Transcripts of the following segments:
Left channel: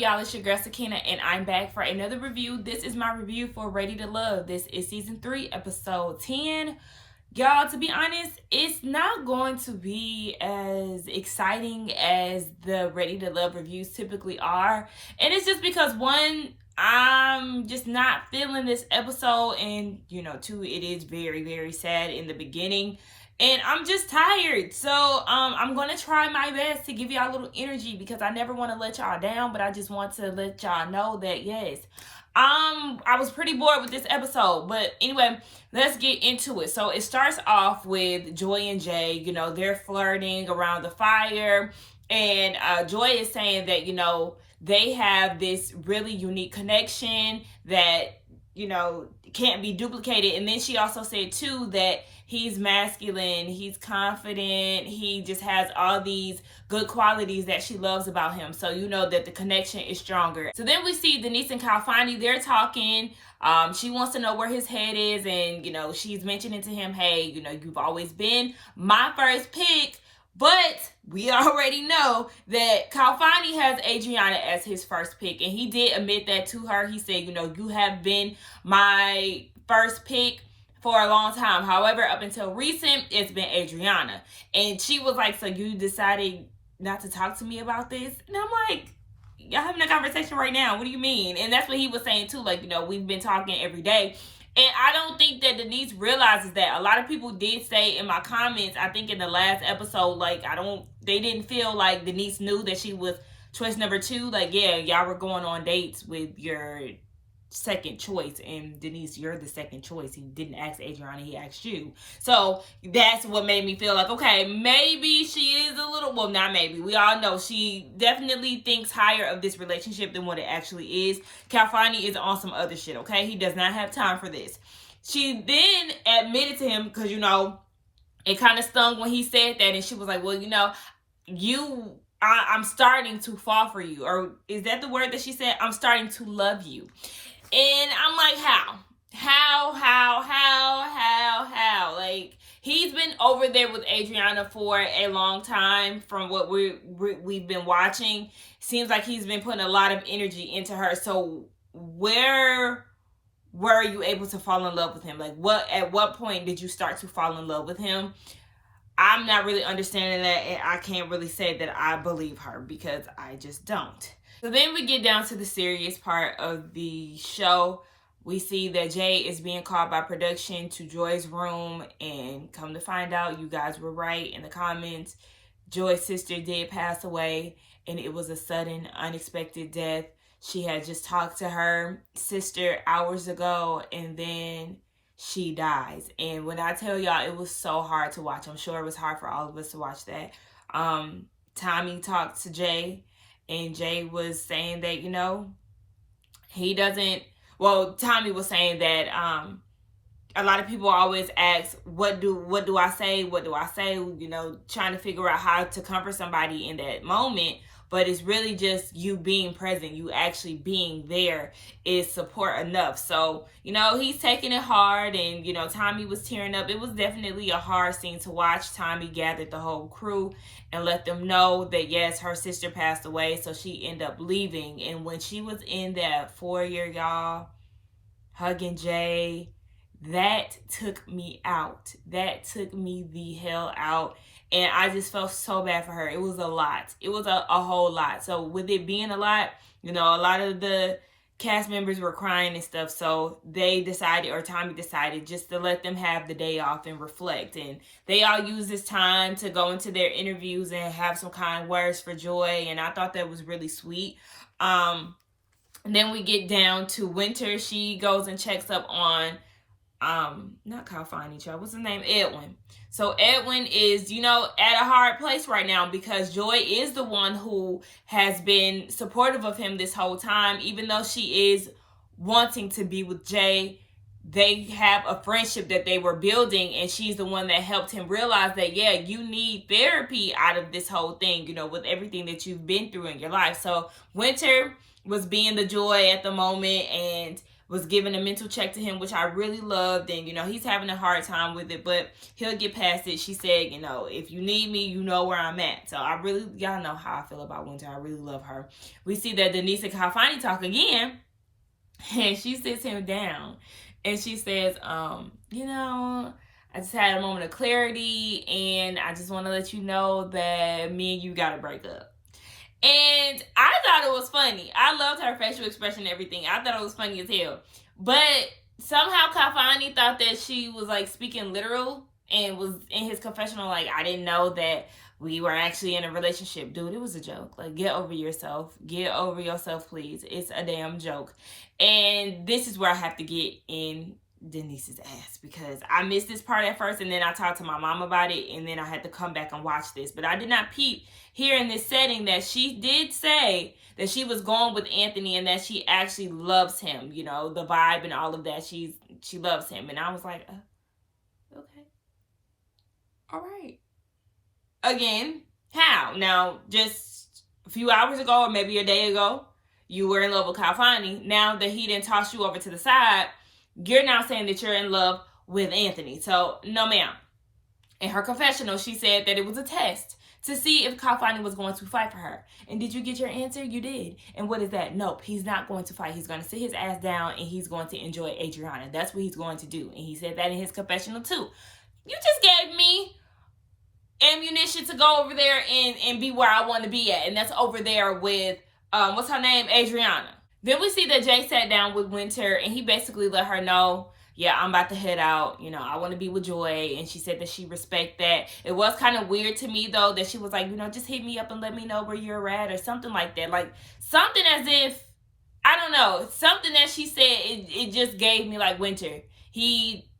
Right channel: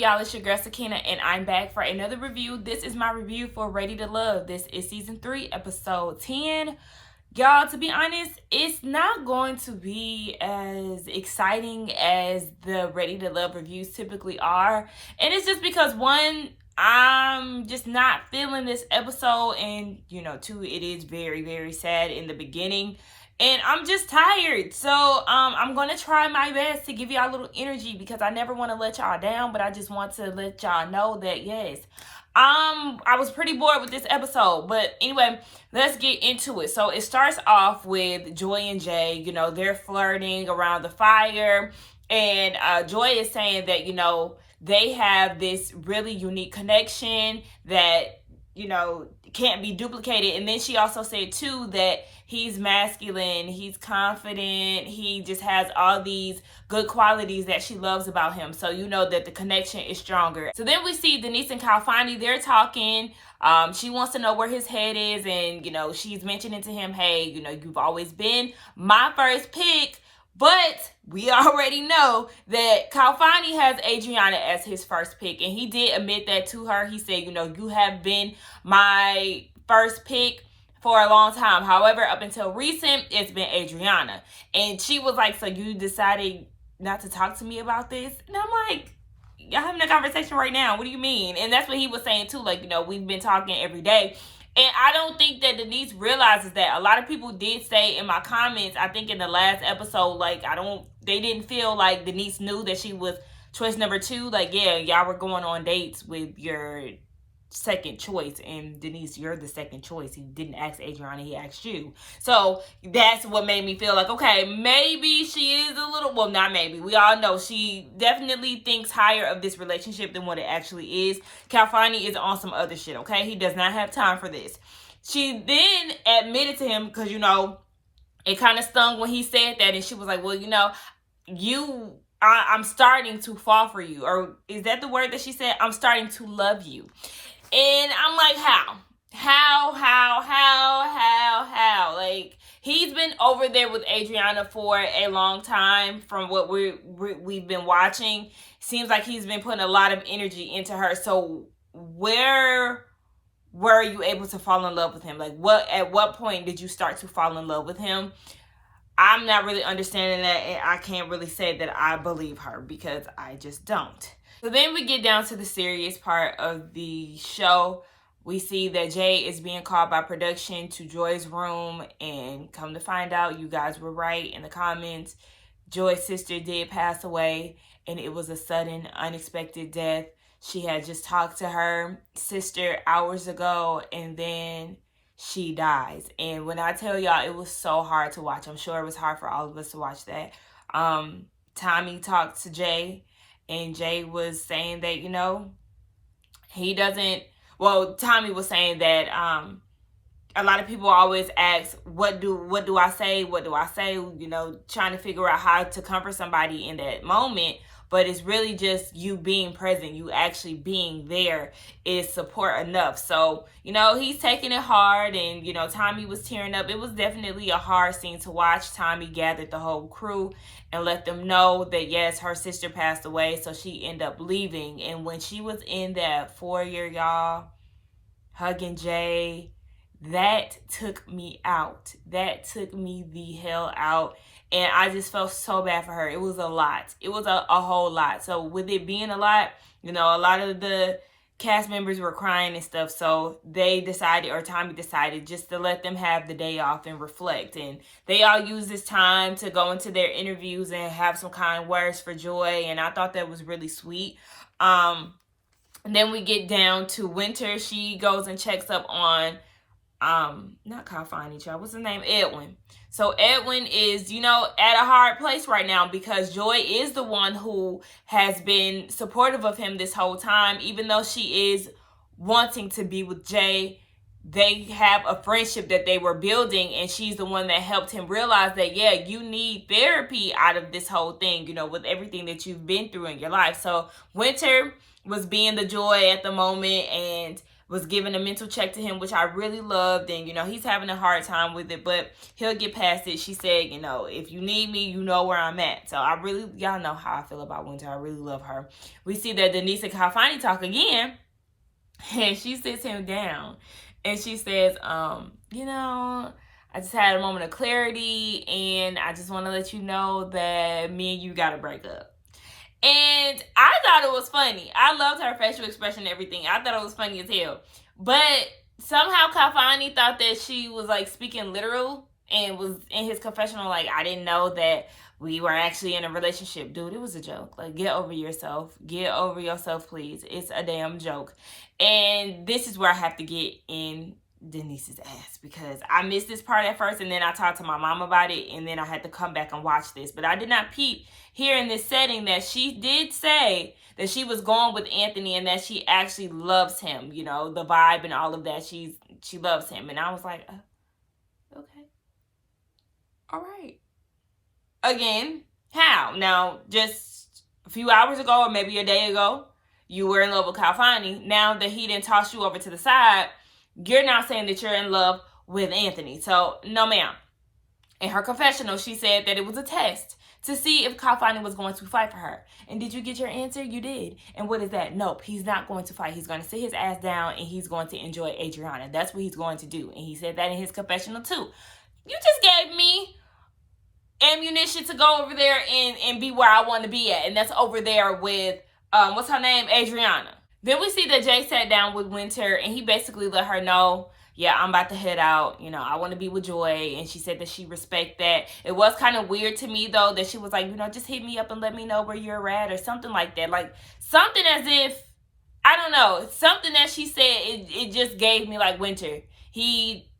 y'all? It's your girl Sakina, and I'm back for another review. This is my review for Ready to Love. This is season 3, episode 10. Y'all, to be honest, it's not going to be as exciting as the Ready to Love reviews typically are. And it's just because, one, I'm just not feeling this episode, and, two, it is very, very sad in the beginning. And I'm just tired. So I'm going to try my best to give y'all a little energy because I never want to let y'all down. But I just want to let y'all know that, yes, I was pretty bored with this episode. But anyway, let's get into it. So it starts off with Joy and Jay. They're flirting around the fire. And Joy is saying that, they have this really unique connection that, can't be duplicated. And then she also said, too, that he's masculine, he's confident, he just has all these good qualities that she loves about him. So you know that the connection is stronger. So then we see Denise and Khalfani, they're talking. She wants to know where his head is, and she's mentioning to him, hey, you've always been my first pick. But we already know that Khalfani has Adriana as his first pick, and he did admit that to her. He said, you have been my first pick for a long time. However, up until recent, it's been Adriana. And she was like, so you decided not to talk to me about this? And I'm like, y'all having a conversation right now. What do you mean? And that's what he was saying too. Like, we've been talking every day. And I don't think that Denise realizes that. A lot of people did say in my comments, I think in the last episode, like, they didn't feel like Denise knew that she was choice number 2. Like, yeah, y'all were going on dates with your second choice, and Denise, you're the second choice. He didn't ask Adriana, he asked you. So that's what made me feel like, okay, maybe she is a little, well, not maybe, we all know she definitely thinks higher of this relationship than what it actually is. Khalfani is on some other shit, okay? He does not have time for this. She then admitted to him, because it kind of stung when he said that, and she was like, well, I'm starting to fall for you. Or is that the word that she said? I'm starting to love you. And I'm like, how? Like, he's been over there with Adriana for a long time from what we've been watching. Seems like he's been putting a lot of energy into her. So where were you able to fall in love with him? Like, at what point did you start to fall in love with him? I'm not really understanding that, and I can't really say that I believe her because I just don't. So then we get down to the serious part of the show. We see that Jay is being called by production to Joy's room, and come to find out, you guys were right in the comments. Joy's sister did pass away, and it was a sudden, unexpected death. She had just talked to her sister hours ago, and then she dies. And when I tell y'all, it was so hard to watch. I'm sure it was hard for all of us to watch that. Tommy talked to Jay, and Jay was saying that, he doesn't, well, Tommy was saying that a lot of people always ask, what do I say? What do I say? Trying to figure out how to comfort somebody in that moment. But it's really just you being present, you actually being there is support enough. So, he's taking it hard, and, Tommy was tearing up. It was definitely a hard scene to watch. Tommy gathered the whole crew and let them know that, yes, her sister passed away, so she ended up leaving. And when she was in that foyer, y'all, hugging Jay, that took me out. That took me the hell out. And I just felt so bad for her. It was a lot. It was a whole lot. So with it being a lot, a lot of the cast members were crying and stuff. So they decided, or Tommy decided, just to let them have the day off and reflect. And they all used this time to go into their interviews and have some kind words for Joy. And I thought that was really sweet. And then we get down to Winter. She goes and checks up on, not Khalfani, child. What's his name? Edwin. So Edwin is, at a hard place right now because Joy is the one who has been supportive of him this whole time. Even though she is wanting to be with Jay, they have a friendship that they were building, and she's the one that helped him realize that, yeah, you need therapy out of this whole thing, with everything that you've been through in your life. So Winter was being the Joy at the moment, and was giving a mental check to him, which I really loved. And, he's having a hard time with it, but he'll get past it. She said, if you need me, you know where I'm at. So y'all know how I feel about Winter. I really love her. We see that Denise and Khalfani talk again, and she sits him down and she says, I just had a moment of clarity, and I just want to let you know that me and you got to break up. And I thought it was funny. I loved her facial expression and everything. I thought it was funny as hell. But somehow Khalfani thought that she was like speaking literal and was in his confessional like, I didn't know that we were actually in a relationship. Dude, it was a joke. Like, get over yourself. Get over yourself, please. It's a damn joke. And this is where I have to get in Denise's ass, because I missed this part at first, and then I talked to my mom about it, and then I had to come back and watch this. But I did not peep here in this setting that she did say that she was going with Anthony and that she actually loves him, the vibe and all of that. She loves him. And I was like, okay. All right. Again, how? Now, just a few hours ago or maybe a day ago, you were in love with Khalfani. Now that he didn't toss you over to the side, you're now saying that you're in love with Anthony. So, no, ma'am. In her confessional, she said that it was a test to see if Khalfani was going to fight for her. And did you get your answer? You did. And what is that? Nope, he's not going to fight. He's going to sit his ass down and he's going to enjoy Adriana. That's what he's going to do. And he said that in his confessional too. You just gave me ammunition to go over there and be where I want to be at. And that's over there with, what's her name? Adriana. Then we see that Jay sat down with Winter and he basically let her know, yeah, I'm about to head out. I want to be with Joy. And she said that she respect that. It was kind of weird to me, though, that she was like, just hit me up and let me know where you're at or something like that. Like, something as if, I don't know, something that she said, it just gave me like, Winter, he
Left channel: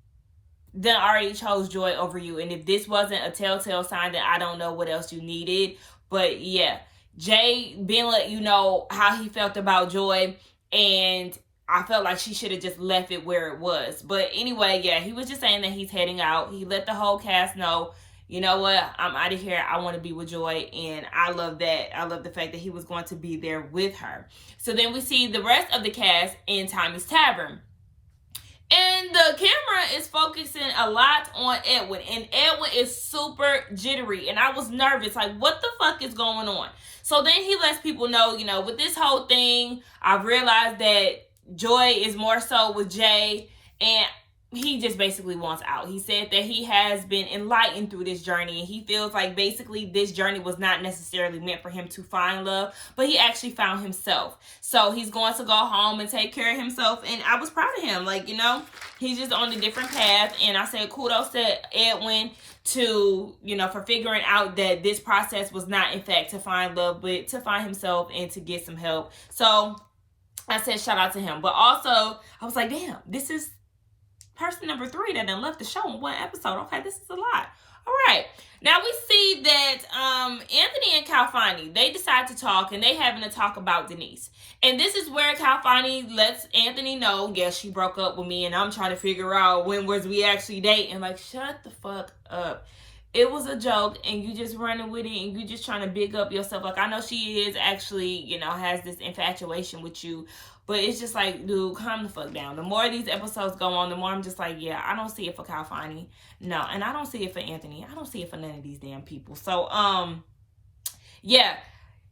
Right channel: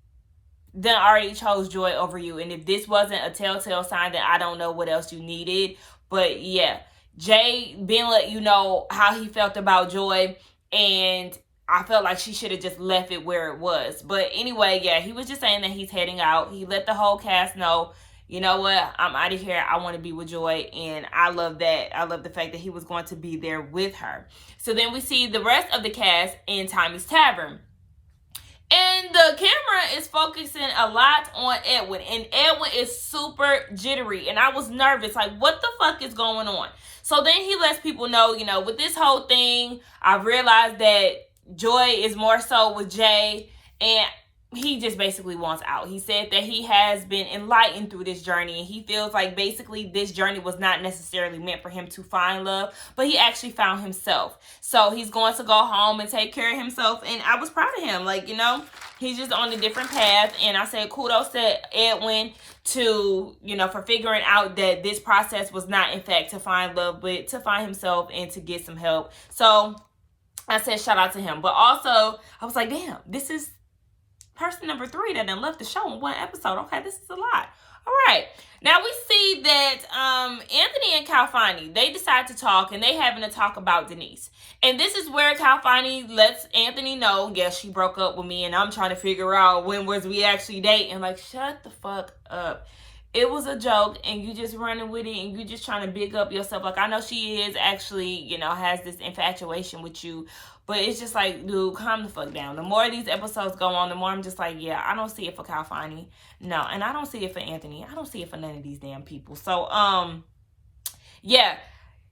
then already chose Joy over you. And if this wasn't a telltale sign, then I don't know what else you needed. But yeah, Jay been let you know how he felt about Joy, and I felt like she should have just left it where it was. But anyway, yeah, he was just saying that he's heading out. He let the whole cast know, you know what, I'm out of here. I want to be with Joy, and I love that. I love the fact that he was going to be there with her. So then we see the rest of the cast in Tommy's Tavern. And the camera is focusing a lot on Edwin, and Edwin is super jittery, and I was nervous, like, what the fuck is going on? So then he lets people know, with this whole thing, I've realized that Joy is more so with Jay, and he just basically wants out. He said that he has been enlightened through this journey, and he feels like basically this journey was not necessarily meant for him to find love, but he actually found himself. So he's going to go home and take care of himself, and I was proud of him. Like, he's just on a different path, and I said kudos to Edwin to, for figuring out that this process was not, in fact, to find love, but to find himself and to get some help. So I said shout out to him. But also, I was like, damn, this is person number 3 that done left the show in one episode. Okay, this is a lot. All right. Now we see that Anthony and Khalfani, they decide to talk, and they having a talk about Denise. And this is where Khalfani lets Anthony know, yes, she broke up with me, and I'm trying to figure out when was we actually dating. Like, shut the fuck up. It was a joke, and you just running with it, and you just trying to big up yourself. Like, I know she is actually, has this infatuation with you, but it's just like, dude, calm the fuck down. The more these episodes go on, the more I'm just like, yeah, I don't see it for Khalfani. No, and I don't see it for Anthony. I don't see it for none of these damn people. So, yeah,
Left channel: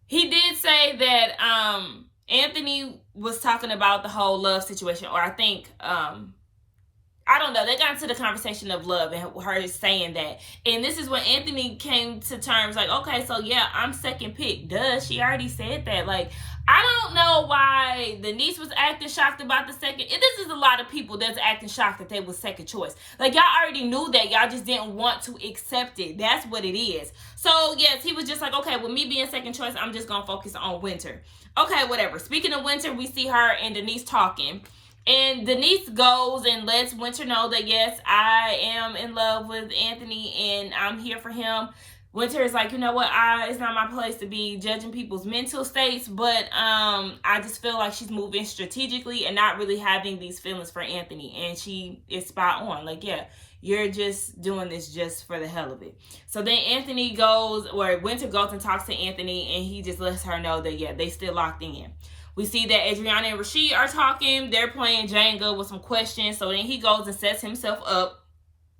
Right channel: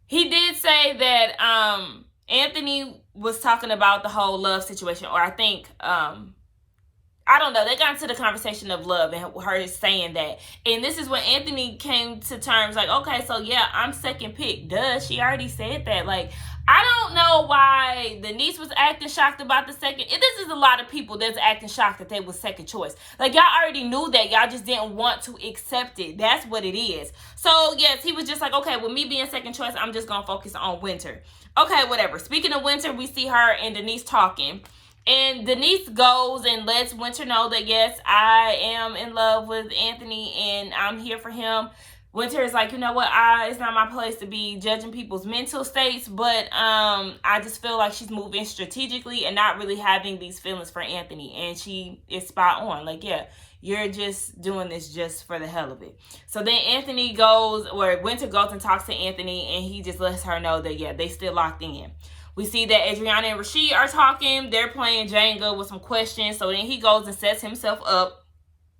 he did say that, Anthony was talking about the whole love situation, or I think, I don't know, they got into the conversation of love and her saying that. And this is when Anthony came to terms like, okay, so yeah, I'm second pick. Duh, she already said that. Like, I don't know why Denise was acting shocked about the second. This is a lot of people that's acting shocked that they was second choice. Like, y'all already knew that. Y'all just didn't want to accept it. That's what it is. So, yes, he was just like, okay, with me being second choice, I'm just going to focus on Winter. Okay, whatever. Speaking of Winter, we see her and Denise talking. And Denise goes and lets Winter know that, yes, I am in love with Anthony and I'm here for him. Winter is like, you know what, it's not my place to be judging people's mental states, but I just feel like she's moving strategically and not really having these feelings for Anthony. And she is spot on. Like, yeah, you're just doing this just for the hell of it. So then Anthony goes, or Winter goes and talks to Anthony, and he just lets her know that, yeah, they still locked in. We see that Adriana and Rasheed are talking. They're playing Jenga with some questions. So then he goes and sets himself up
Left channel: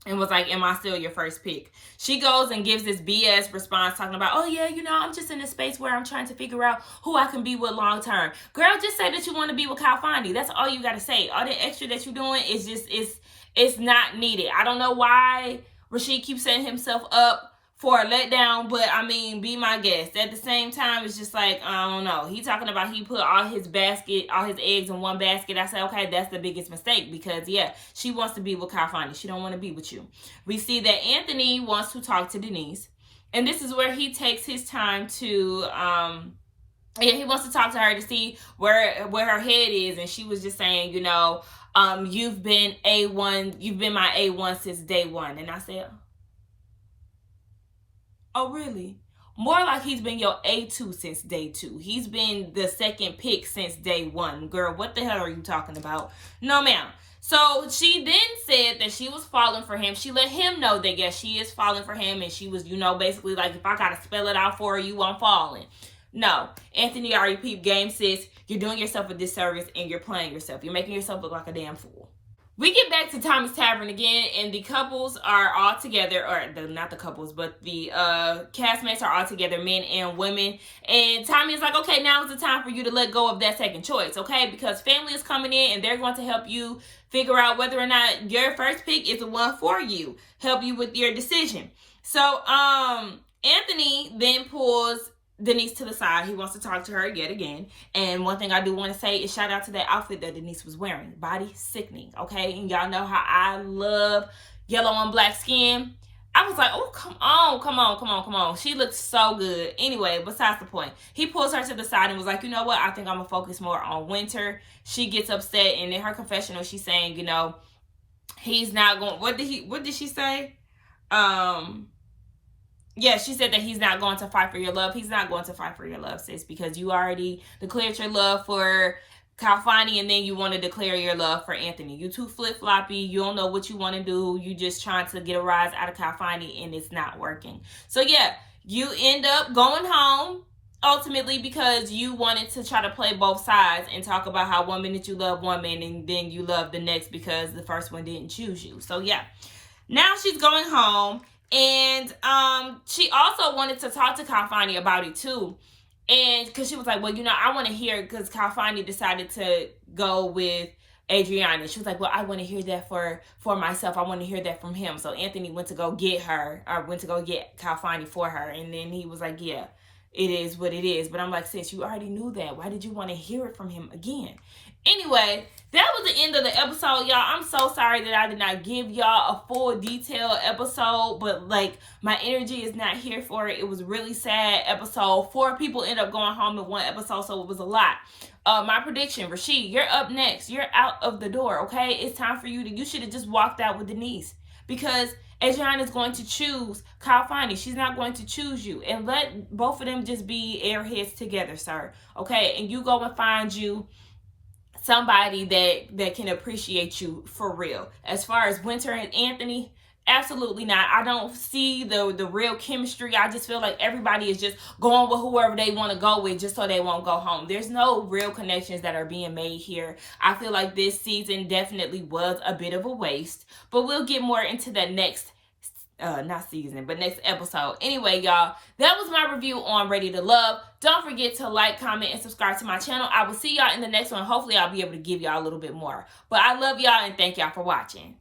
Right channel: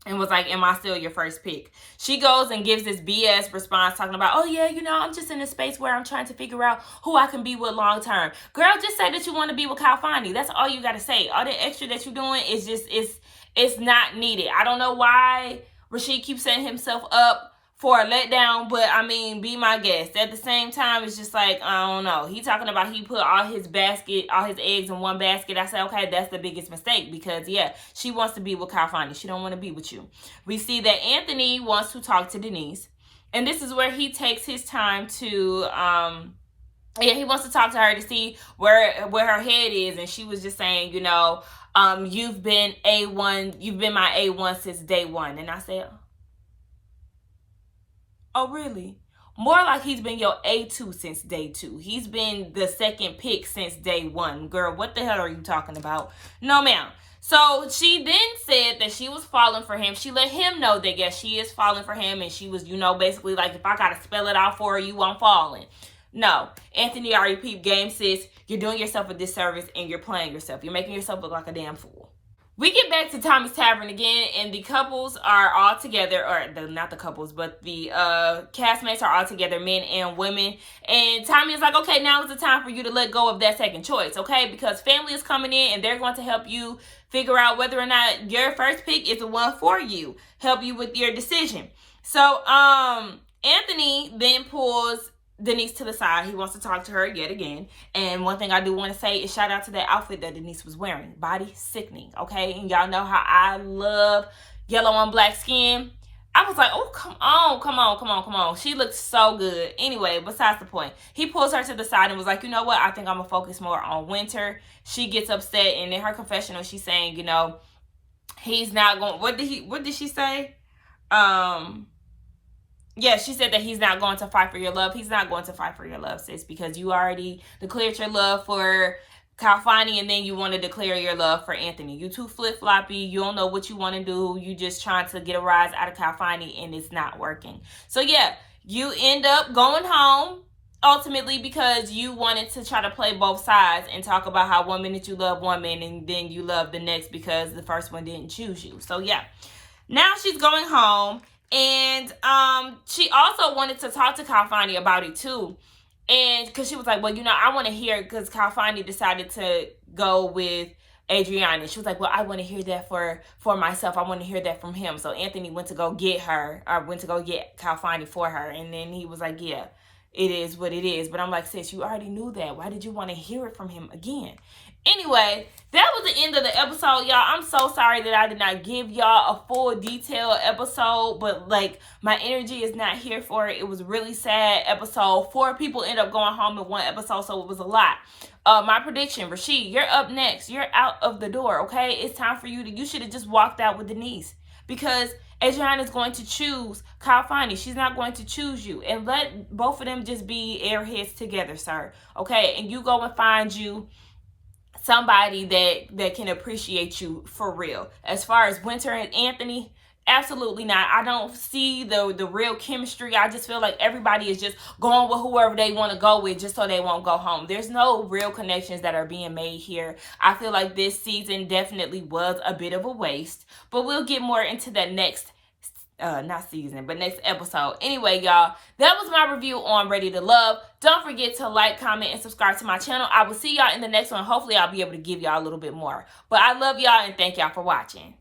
and was like, am I still your first pick? She goes and gives this BS response talking about, oh yeah, I'm just in a space where I'm trying to figure out who I can be with long term. Girl, just say that you want to be with Khalfani. That's all you got to say. All the extra that you're doing is just, it's not needed. I don't know why Rasheed keeps setting himself up for a letdown, but I mean, be my guest. At the same time, it's just like, I don't know. He talking about he put all his eggs in one basket. I said, okay, that's the biggest mistake because, yeah, she wants to be with Khalfani. She don't want to be with you. We see that Anthony wants to talk to Denise, and this is where he takes his time to, he wants to talk to her to see where her head is, and she was just saying, you've been A1, you've been my A1 since day one, and I said, oh, really? More like he's been your A2 since day two. He's been the second pick since day one. Girl, what the hell are you talking about? No, ma'am. So she then said that she was falling for him. She let him know that, yes, she is falling for him. And she was, basically like, if I got to spell it out for you, I'm falling. No. Anthony already peeped game, sis. You're doing yourself a disservice and you're playing yourself. You're making yourself look like a damn fool. We get back to Tommy's Tavern again, and the couples are all together, or not the couples, but the castmates are all together, men and women. And Tommy is like, okay, now is the time for you to let go of that second choice, okay? Because family is coming in, and they're going to help you figure out whether or not your first pick is the one for you, help you with your decision. So Anthony then pulls Denise to the side. He wants to talk to her yet again. And one thing I do want to say is shout out to that outfit that Denise was wearing. Body sickening, okay? And y'all know how I love yellow on black skin. I was like, oh, come on. She looks so good. Anyway, besides the point. He pulls her to the side and was like, you know what? I think I'm going to focus more on Winter. She gets upset. And in her confessional, she's saying, he's not going... What did she say? Yeah, she said that he's not going to fight for your love. He's not going to fight for your love, sis, because you already declared your love for Khalfani, and then you want to declare your love for Anthony. You too flip-floppy. You don't know what you want to do. You just trying to get a rise out of Khalfani, and it's not working. So, yeah, you end up going home, ultimately, because you wanted to try to play both sides and talk about how 1 minute you love one man, and then you love the next because the first one didn't choose you. So, yeah. Now she's going home. And she also wanted to talk to Khalfani about it too. And because she was like, well, I want to hear, because Khalfani decided to go with Adriana. She was like, well, I want to hear that for myself. I want to hear that from him. So Anthony went to go get Khalfani for her. And then he was like, yeah, it is what it is. But I'm like, sis, you already knew that. Why did you want to hear it from him again? Anyway, that was the end of the episode, y'all. I'm so sorry that I did not give y'all a full detailed episode, but my energy is not here for it. It was a really sad episode. 4 people end up going home in one episode, so it was a lot. My prediction, Rasheed, you're up next. You're out of the door, okay? It's time for you should have just walked out with Denise, because Adriana is going to choose Khalfani. She's not going to choose you. And let both of them just be airheads together, sir, okay? And you go and find you somebody that can appreciate you for real. As far as Winter and Anthony, absolutely not. I don't see the real chemistry. I just feel like everybody is just going with whoever they want to go with just so they won't go home. There's no real connections that are being made here. I feel like this season definitely was a bit of a waste, but we'll get more into that next next episode. Anyway, y'all, that was my review on Ready to Love. Don't forget to like, comment, and subscribe to my channel. I will see y'all in the next one. Hopefully, I'll be able to give y'all a little bit more. But I love y'all and thank y'all for watching.